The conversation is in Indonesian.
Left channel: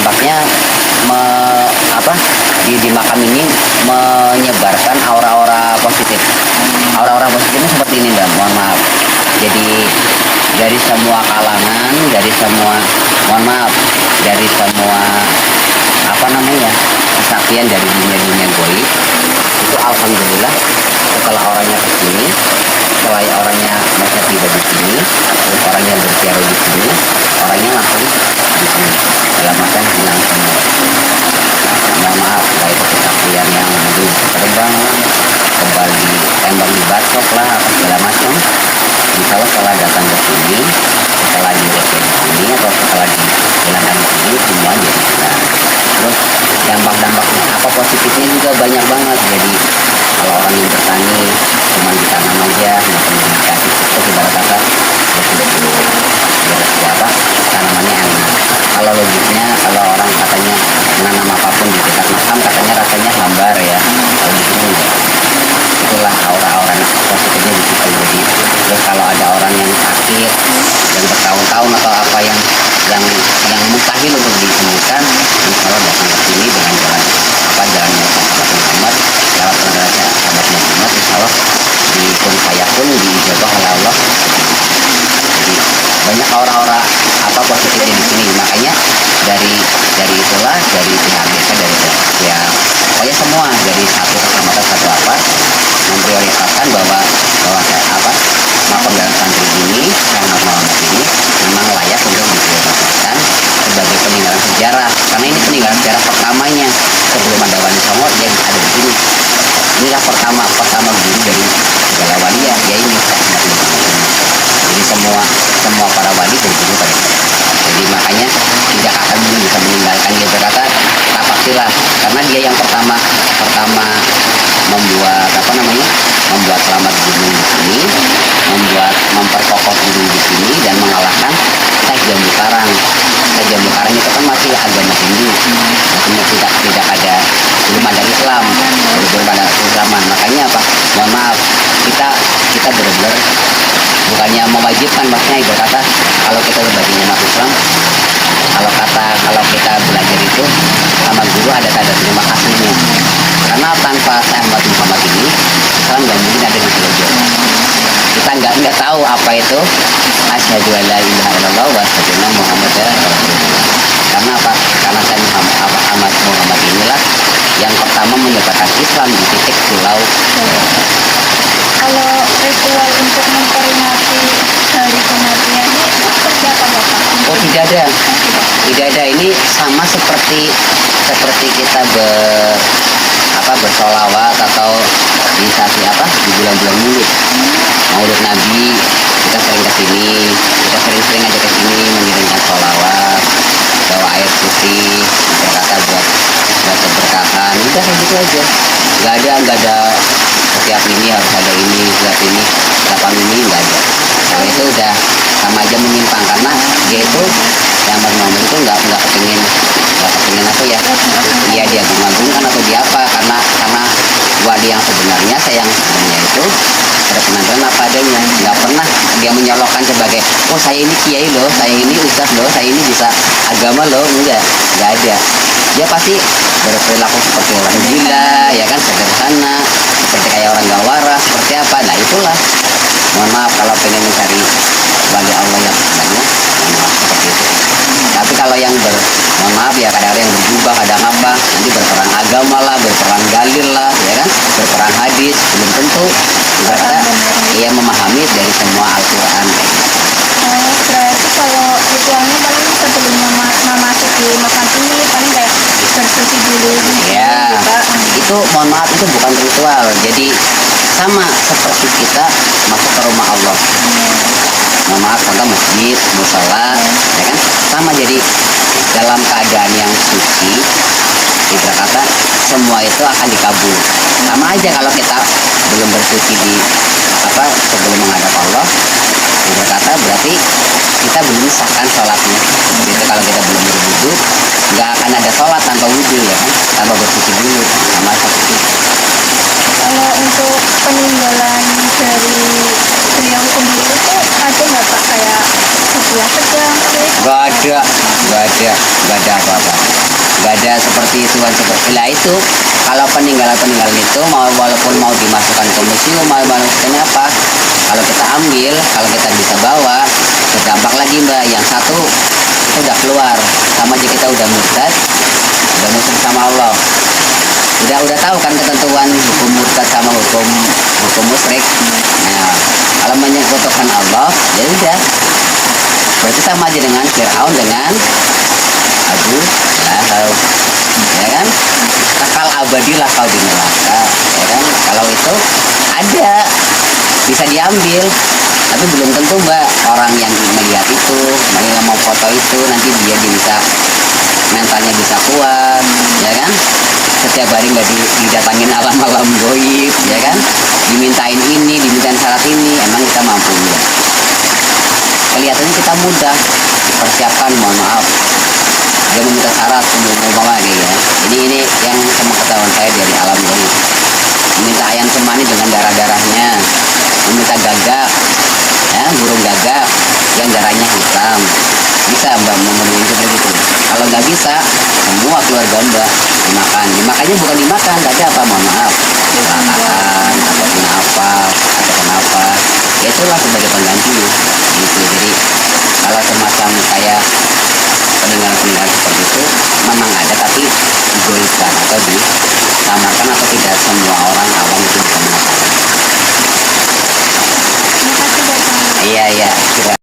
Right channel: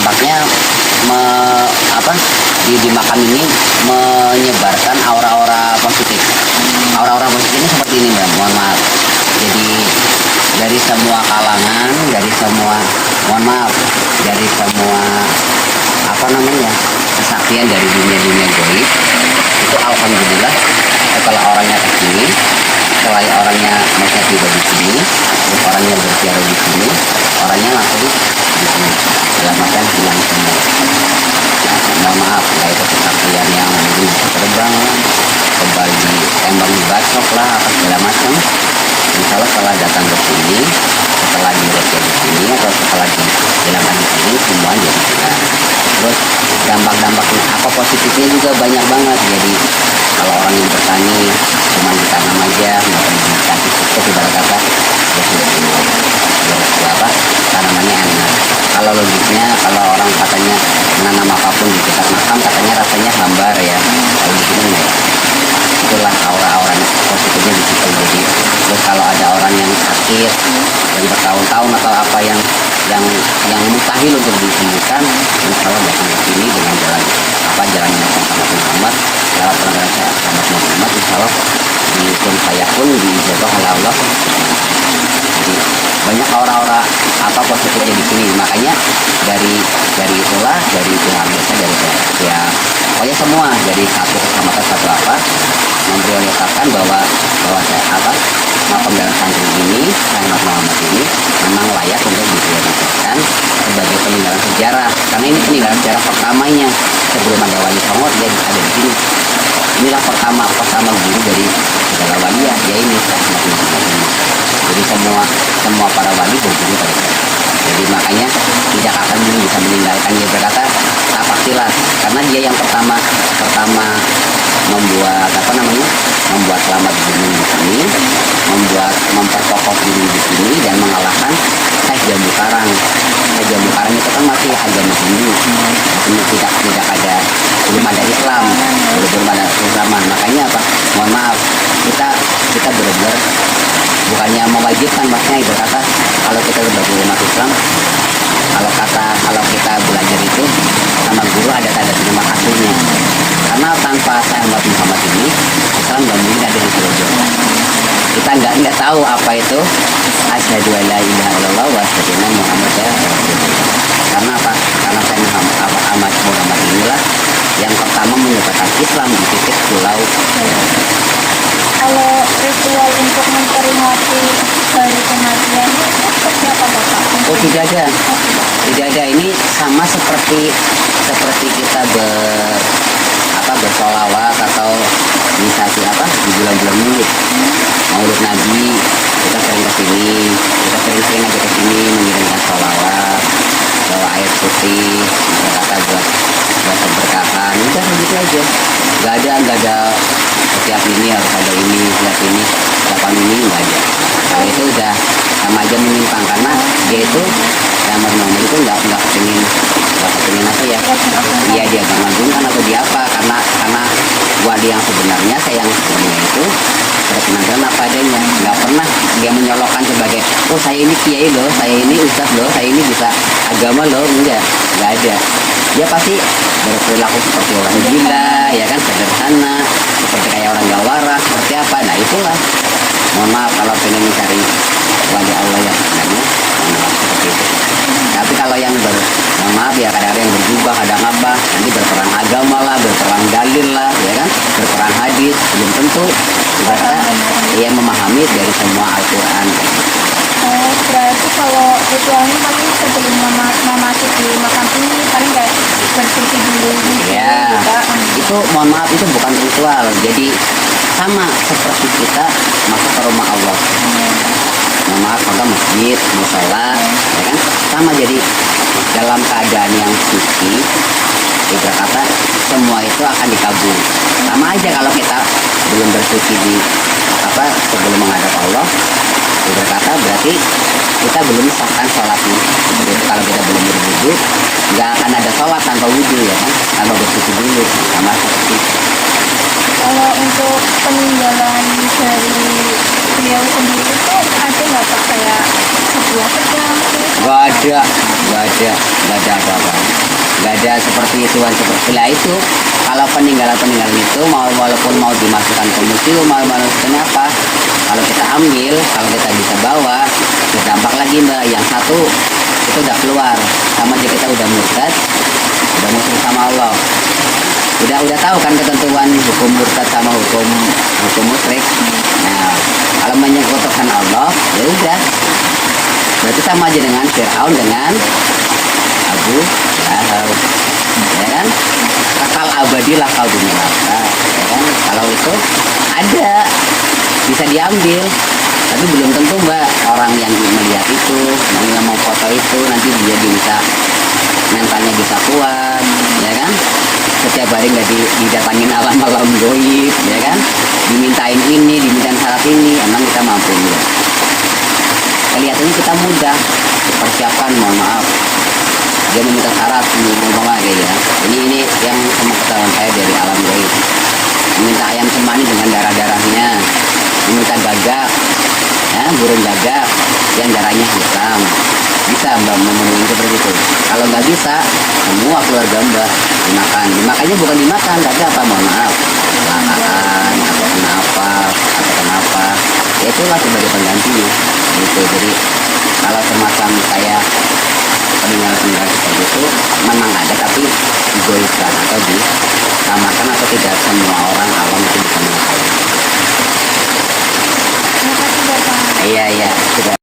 dampaknya apa di makam ini menyebarkan aura-aura positif. Aura-aura positifnya seperti ini Mbak, mohon maaf. Jadi dari semua kalangan, dari semua, mohon maaf, dari semua apa namanya kesaktian dari dunia-dunia goib itu alhamdulillah setelah orangnya kesini, setelah orangnya mereka tiba di sini, terus orangnya berziarah di sini, orangnya langsung di sini dalam macam hilang semua. Mohon maaf, dari kesaktian yang mungkin terbang lah, kembali tembak di bacok lah, apa segala macam. Insya Allah setelah datang ke sini, setelah dirujuk di sini atau setelah dihilangkan di sini, semua jadi hilang. Terus dampak-dampaknya apa positifnya juga banyak banget. Jadi kalau orang yang bertani cuma ditanam aja, nggak perlu dikasih pupuk ibarat kata, apa tanamannya enak. Kalau logiknya, kalau orang katanya menanam apapun di dekat makam katanya rasanya hambar ya. Kalau di sini enggak. Itulah aura-aura positifnya di situ. Jadi terus kalau ada orang yang sakit yang bertahun-tahun atau apa yang mustahil untuk disembuhkan, insya Allah datang ke sini dengan jalannya Muhammad, lewat pengajaran sahabat Muhammad, insya Allah di kun fayakun, diijabah oleh Allah. Jadi banyak aura-aura apa positifnya di sini. Makanya dari itulah, dari pihak desa, dari pihak pokoknya semua, dari satu kecamatan satu apa memprioritaskan bahwa makam dalam santri ini, Syekh Muhammad ini memang layak untuk diprioritaskan sebagai peninggalan sejarah, karena ini peninggalan sejarah pertamanya. Sebelum ada Wali Songo dia ada di sini. Inilah pertama guru dari segala waliyah, ya ini Syekh Muhammad ini. Jadi semua para wali berguru pada saya. Jadi makanya tidak akan bisa meninggalkan dia, berkata tak pastilah, karena dia yang pertama membuat selamat gunung di sini, memperkokoh gunung di sini dan mengalahkan Syekh Jambu Karang. Syekh Jambu Karang itu kan masih agama Hindu, tidak ada, belum ada Islam, belum ada Islaman. Makanya apa? Mohon maaf, kita benar-benar bukannya mewajibkan, maksudnya berkata kalau kita sebagai umat Islam, kalau kita belajar itu sama guru ada tanda terima kasihnya, karena tanpa Syekh Muhammad ini Islam nggak mungkin ada di Pulau Jawa. Kita nggak tahu apa itu asyhadu alla ilaha illallah wa asyhadu anna muhammadar rasulullah. Karena apa? Karena Syekh Muhammad inilah yang pertama menyebarkan Islam di titik pulau. Kalau ritual untuk memperingati hari kematiannya itu seperti apa Bapak? Oh tidak ada. Ini sama seperti kita bersolawat atau inisiasi di bulan-bulan Maulid. Maulid Nabi kita sering kesini, kita sering aja kesini mengirimkan solawat, bawa air putih, kata buat keberkahan. Udah kayak gitu aja. Nggak ada setiap ini harus ada ini, setiap ini kapan ini, nggak ada. Kalau itu udah sama aja menyimpang, karena dia itu yang Muhammad itu nggak kepingin apa ya, dia dimagungkan atau dia apa, karena wali yang sebenarnya, saya yang sebenarnya itu berpenampilan apa adanya, nggak pernah dia menyolokkan sebagai saya ini kiai loh, saya ini ustadz loh, saya ini bisa agama loh, nggak ada. Dia pasti berperilaku seperti orang gila, ya kan, sederhana, seperti kayak orang gak waras, seperti apa. Nah itulah, mohon maaf kalau pengen mencari wali Allah yang sebenarnya, mohon maaf seperti itu. Tapi kalau yang mohon maaf ya, kadang-kadang yang berjubah, kadang apa, nanti berperang agama lah, berperang dalil lah, ya kan, berperang hadis, belum tentu mereka ia memahami dari semua Al-Quran. Oh, berarti kalau ritualnya paling sebelum memasuki makam ini paling kayak bersih dulu gitu ya, Pak. Itu mohon maaf, itu bukan ritual. Jadi sama seperti kita masuk ke rumah Allah. Mohon maaf, contoh masjid, musola, ya kan, sama. Jadi dalam keadaan yang suci, berkata semua itu akan dikabul. Sama aja kalau kita belum bersuci sebelum menghadap Allah, berkata berarti kita belum sahkan sholatnya. Seperti itu, kalau kita belum berwudu, nggak akan ada sholat tanpa wudu, ya kan, tanpa bersuci dulu. Sama seperti itu. Kalau untuk peninggalan dari beliau sendiri itu ada nggak Pak, kayak butuh apa jam pakai Gak ada apa-apa. Gak ada seperti ituan seperti lah itu. Kalau peninggalan itu walaupun mau dimasukkan ke museum, mau dimasukkan apa, kalau kita ambil, kalau kita bisa bawa, berdampak lagi mbak. Yang satu itu udah keluar, sama aja kita udah murtad, udah musuh sama Allah. Udah tahu kan ketentuan hukum murtad sama hukum musyrik. Nah, kalau menyekutukan Allah, ya udah. Berarti sama aja dengan Fir'aun dengan Abu Lahab, ya kan? Kekal abadilah kau di neraka, ya kan? Kalau itu ada bisa diambil, tapi belum tentu mbak orang yang melihat itu, yang mau foto itu nanti dia bisa mentalnya bisa kuat, ya kan? Setiap hari nggak didatangin alam-alam goib, ya kan? Dimintain ini, dimintain syarat ini, emang kita mampu ya? Kelihatannya kita mudah dipersiapkan, mohon maaf. Dia meminta syarat umpama kayak ya. Ini yang sama ketahuan saya dari alam goib. Meminta ayam cemani dengan darah-darahnya, meminta gagak, ya, burung gagak yang darahnya hitam. Bisa mbak memenuhi seperti itu. Kalau nggak bisa, semua keluarga mbak dimakan. Dimakannya bukan dimakan, gak apa, mohon maaf. Kecelakaan atau kenapa, ya itulah sebagai pengganti gitu. Jadi kalau semacam kayak peninggalan seperti itu memang ada, tapi digoibkan atau disamakan, atau tidak semua orang awam itu bisa mengetahui. Terima kasih Bapak. Iya sudah.